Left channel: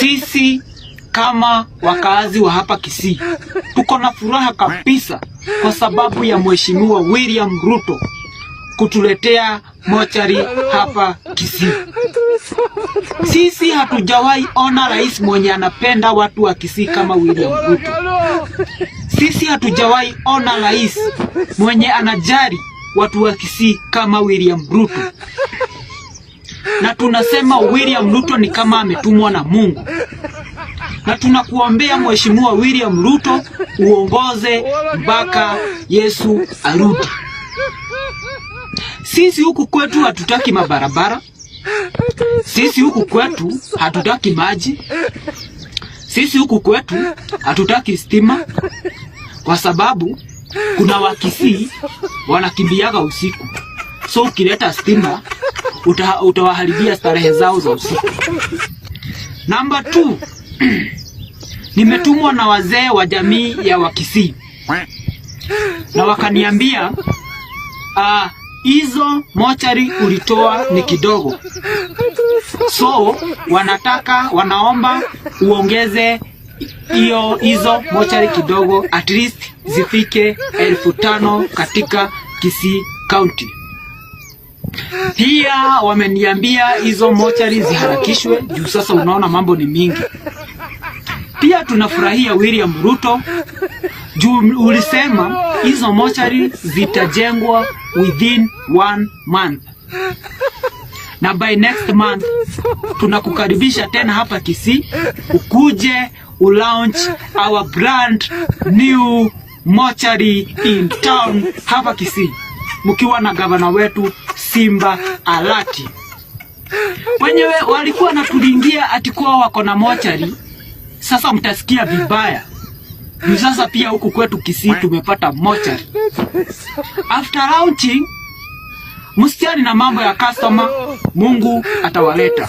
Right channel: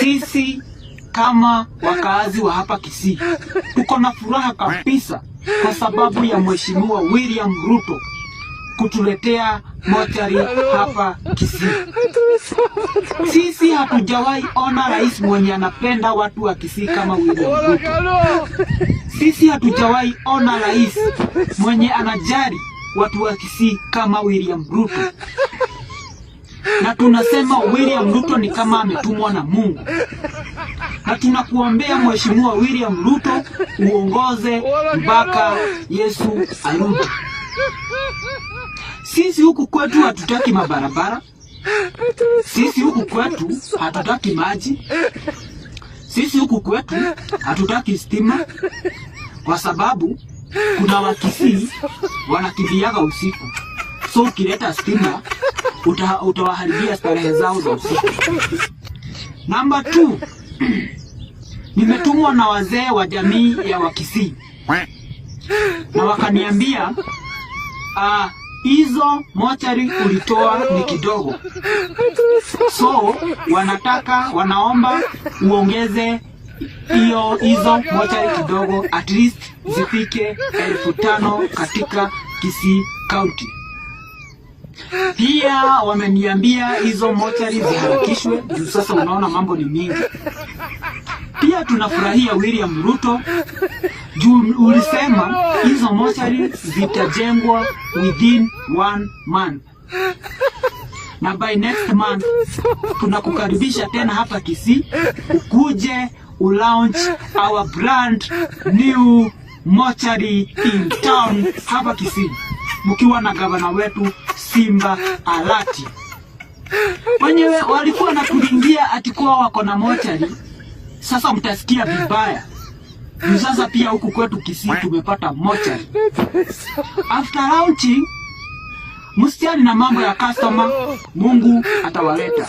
Sisi kama wakazi wa hapa Kisii tuko na furaha kabisa kwa sababu ya Mheshimiwa William Ruto kutuletea mochari hapa Kisii. Sisi hatujawahi ona rais mwenye anapenda watu wa Kisii kama William Ruto. Sisi hatujawahi ona rais mwenye anajali watu wa Kisii kama William Ruto. Na tunasema William Ruto ni kama ametumwa na Mungu. Na tunakuombea Mheshimiwa William Ruto uongoze mpaka Yesu arudi. Sisi huku kwetu hatutaki mabarabara. Sisi huku kwetu hatutaki maji. Sisi huku kwetu hatutaki stima, kwa sababu kuna Wakisii wanakimbiaga usiku. So ukileta stima utawaharibia starehe zao za usiku. Namba 2, nimetumwa na wazee wa jamii ya Wakisii na wakaniambia hizo mochari ulitoa ni kidogo, so wanaomba uongeze hizo mochari kidogo, at least zifike 5,000 katika Kisii County. Pia wameniambia hizo mochari ziharakishwe juu sasa unaona mambo ni mingi. Pia tunafurahia William Ruto juu ulisema hizo mochari zitajengwa within 1 month. Na by next month tunakukaribisha tena hapa Kisii ukuje ulaunch our brand new mochari in town hapa Kisii, mkiwa na gavana wetu Simba Alati. Wenyewe walikuwa natulingia atikuwa wako na mochari, sasa mtasikia vibaya. Sasa pia huku kwetu Kisii tumepata mochari. After launching, msichani na mambo ya customer, Mungu atawaleta.